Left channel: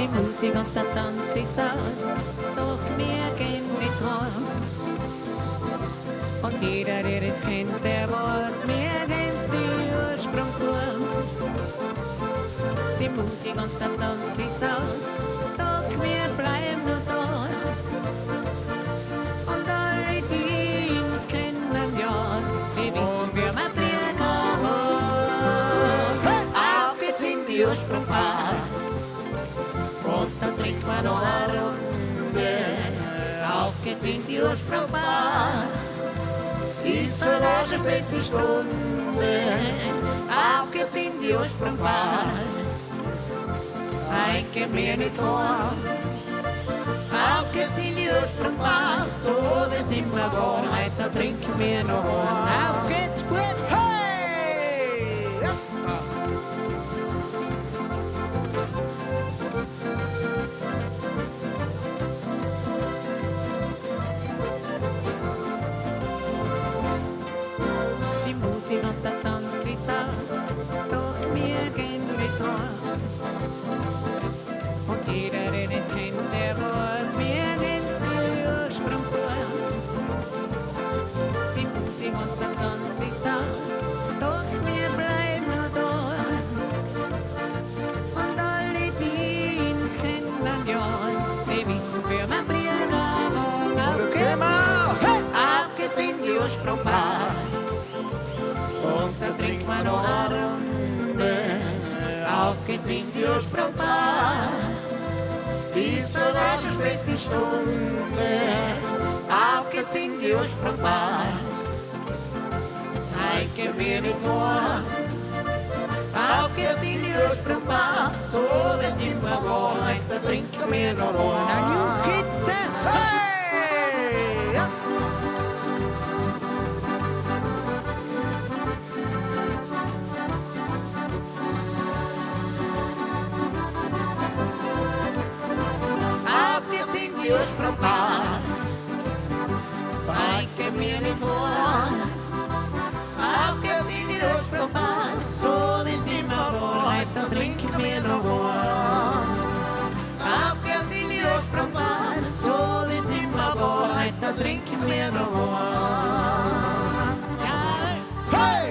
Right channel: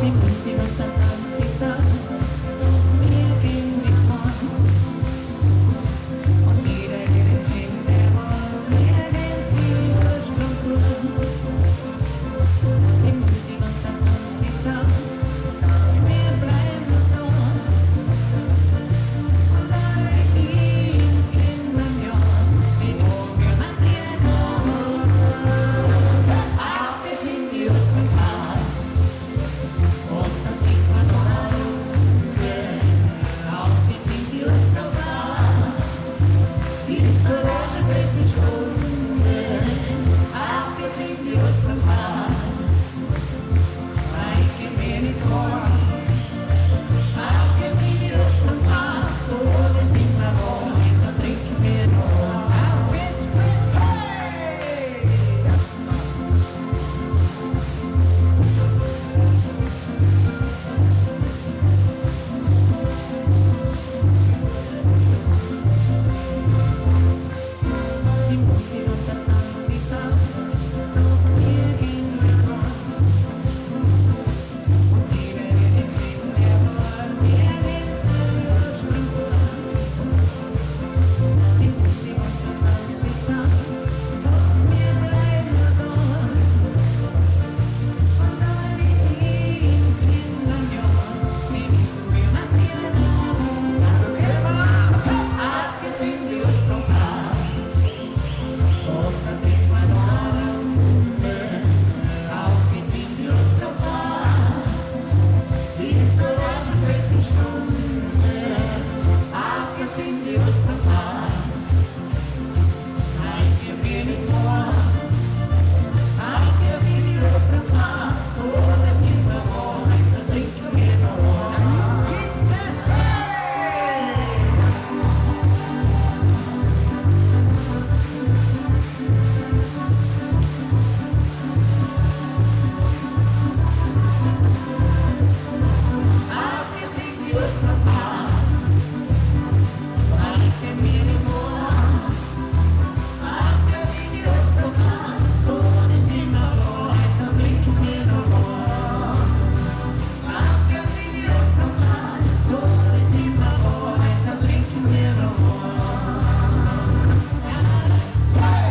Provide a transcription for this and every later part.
Die Musik und der Tanz ist aus, doch wir gehen mit warm. Und jeder redet mit der Wort, wir gehen die Ursprung durch. Die Musik und der Tanz ist aus, doch wir bleiben noch da. Und alle, die uns kennen, ja, die wissen, wir matrieren aber. Auf jetzt in die Ursprung war. Und dann trinkt man noch eine Runde. Auf geht's in die Ursprungbar. Ist so der späte Stunde. Auf geht's in die Ursprungbar. Eike mir nicht vor. Auf geht's in die Ursprungbar. So, wir sind wir wohl. Da trinken wir noch. Auf geht's gut. Hey! Die Musik und der Tanz ist aus, doch wir gehen mit warm. Und jeder redet mit der Wort, wir gehen die Ursprung durch. Die Musik und der Tanz ist aus, doch wir bleiben noch da. Und alle, die uns kennen, ja, die wissen, wir matrieren aber. Auf geht's in die Ursprungbar. Und dann trinkt man noch eine Runde. Auf geht's in die Ursprungbar. Diese war die späte Stunde. Auf geht's in die Ursprungbar. Eike mir nicht warm. Auf geht's in die Ursprungbar. So, wir sind wir wohl. Da trinken wir noch eine Kitze. Hey! Ja. Auf geht's in die Ursprungbar. Eike mir nicht warm. Auf geht's in die Ursprungbar. So, wir sind wir wohl. Da trinken wir noch warm. Auf geht's in die Ursprungbar. So, wir sind wir wohl. Da trinken wir noch warm. Ja. Hey!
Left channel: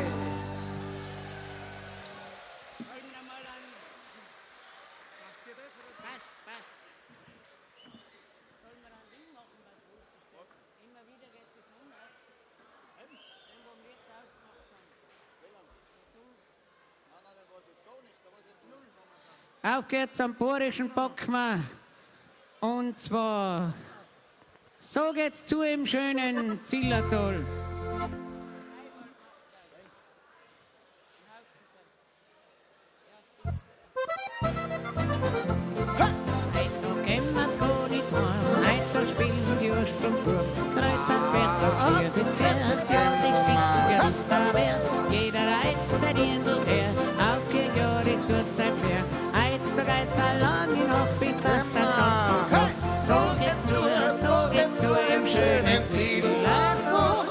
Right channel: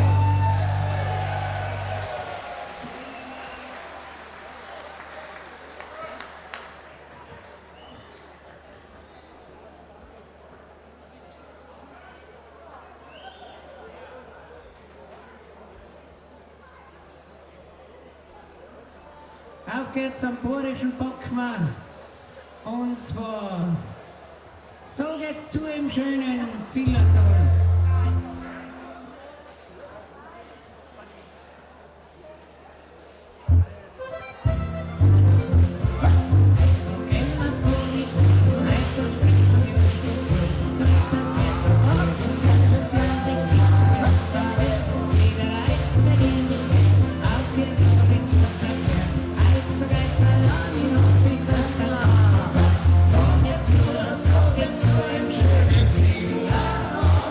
Auf geht's am burischen Bockmann. Und zwar, so geht's zu im schönen Zillertal. So geht's zu im schönen Zillertal.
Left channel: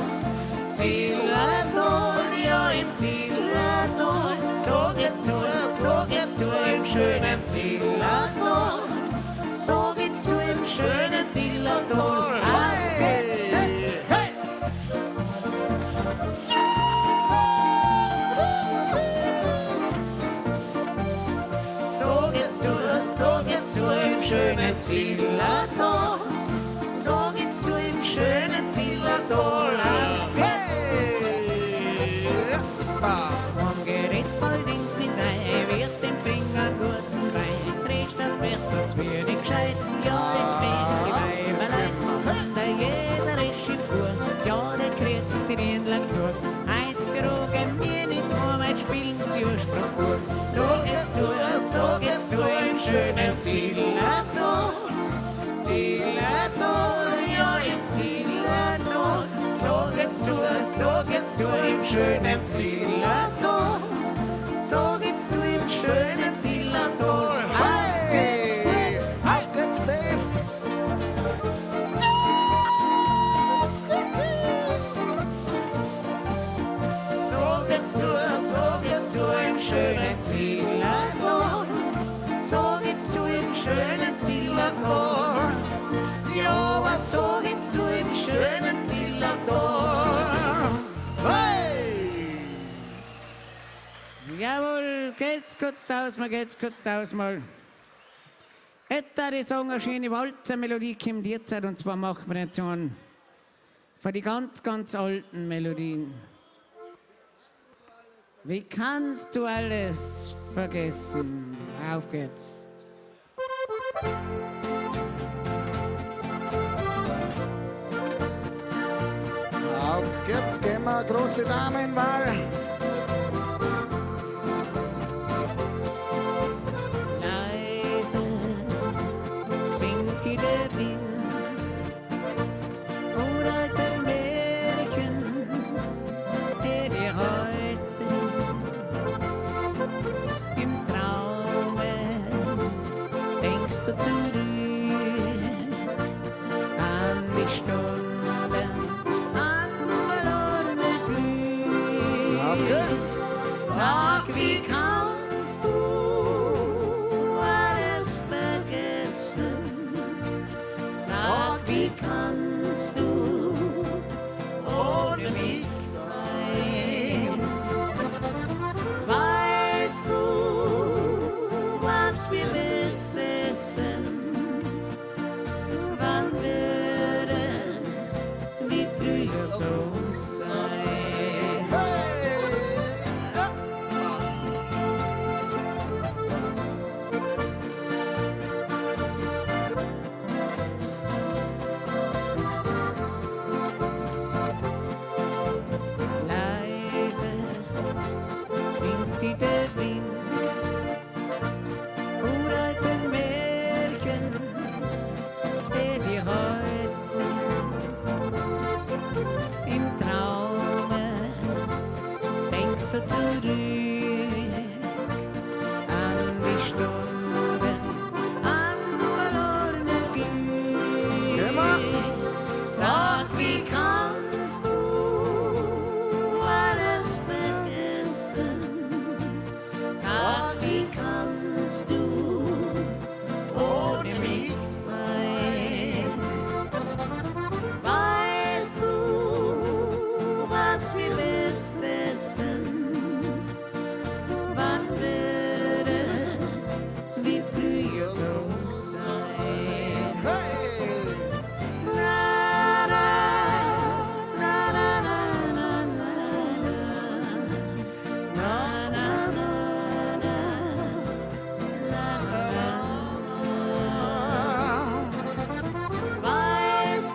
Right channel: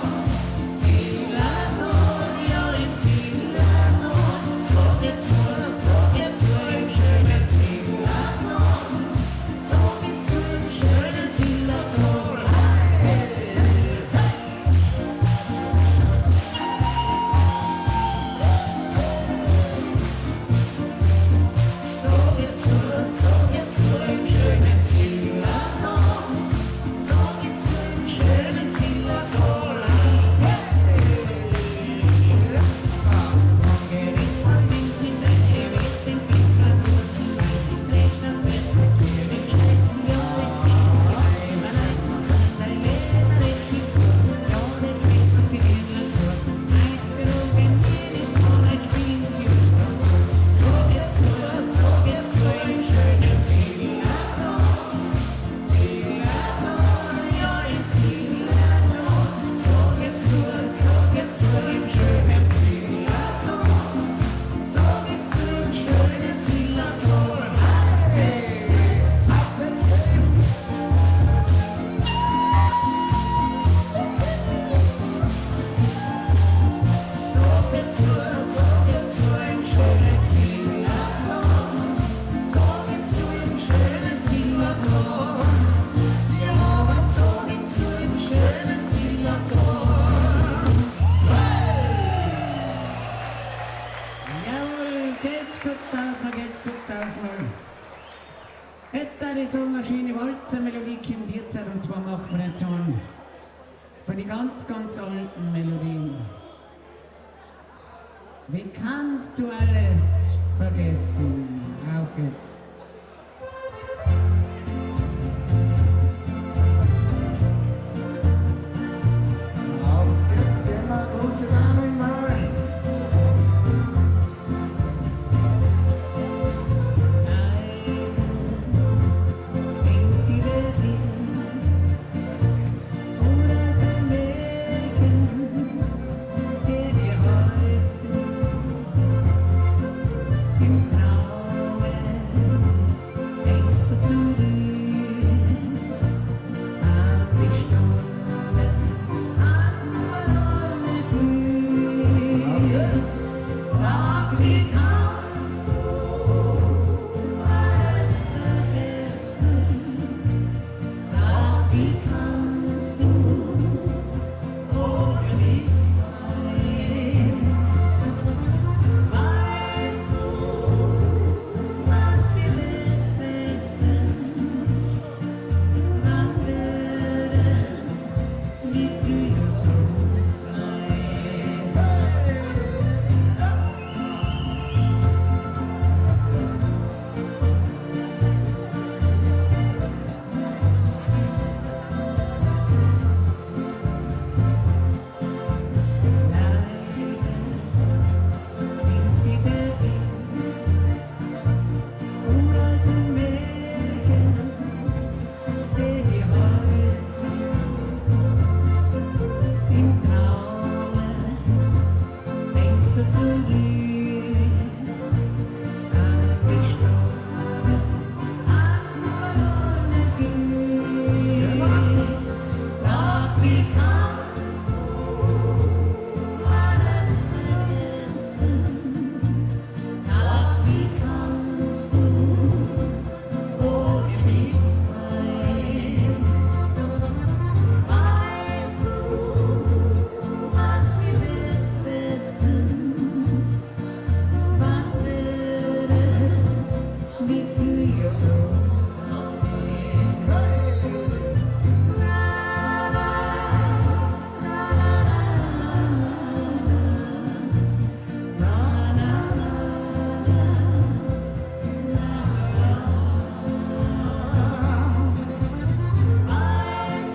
würde ich sagen, eine schöne Walzermelodie kommt jetzt, und zwar machen wir jetzt einen von die ganz, ganz alten Melodien. Wie kannst du alles vergessen? Auf geht's. Auf geht's, gehen wir, große Damen mal. Leise singt die der Wind oder der Märchen, der dir heute im Traume denkst du zurück an die Stunden, an verlorene Glück. Auf geht's. Sag, wie kannst du alles vergessen? Sag, wie kannst du ohne mich sein? Weißt du, was wir wissen? Wann wird es wie früher so sein? Leise singt die der Wind, uralte Märchen, der dir heute im Traume denkst du zurück an die Stunden, an verlorene Glück. Sag, wie kannst du alles vergessen? Sag, wie kannst du ohne mich sein? Weißt du, was wir wissen? Wann wird es wie früher so sein? Weißt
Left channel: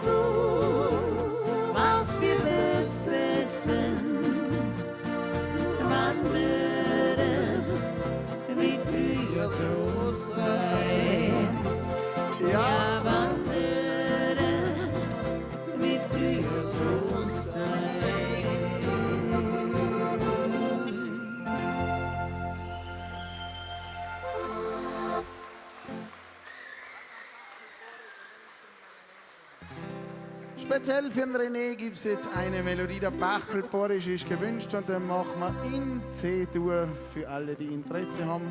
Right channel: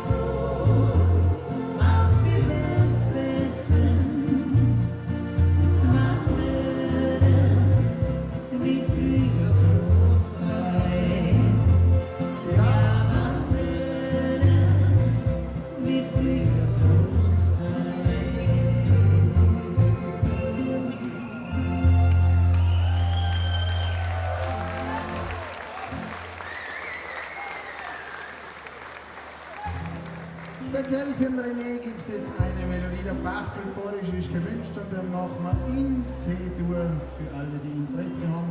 du, was wir wissen? Wann wird es wie früher so sein? Ja, wann wird es wie früher so sein? Speziell für den René gibt es jetzt eine Melodie, der Bachel Boris ist gewünscht hat, dann machen wir in C-Dur für alle, die Interesse haben.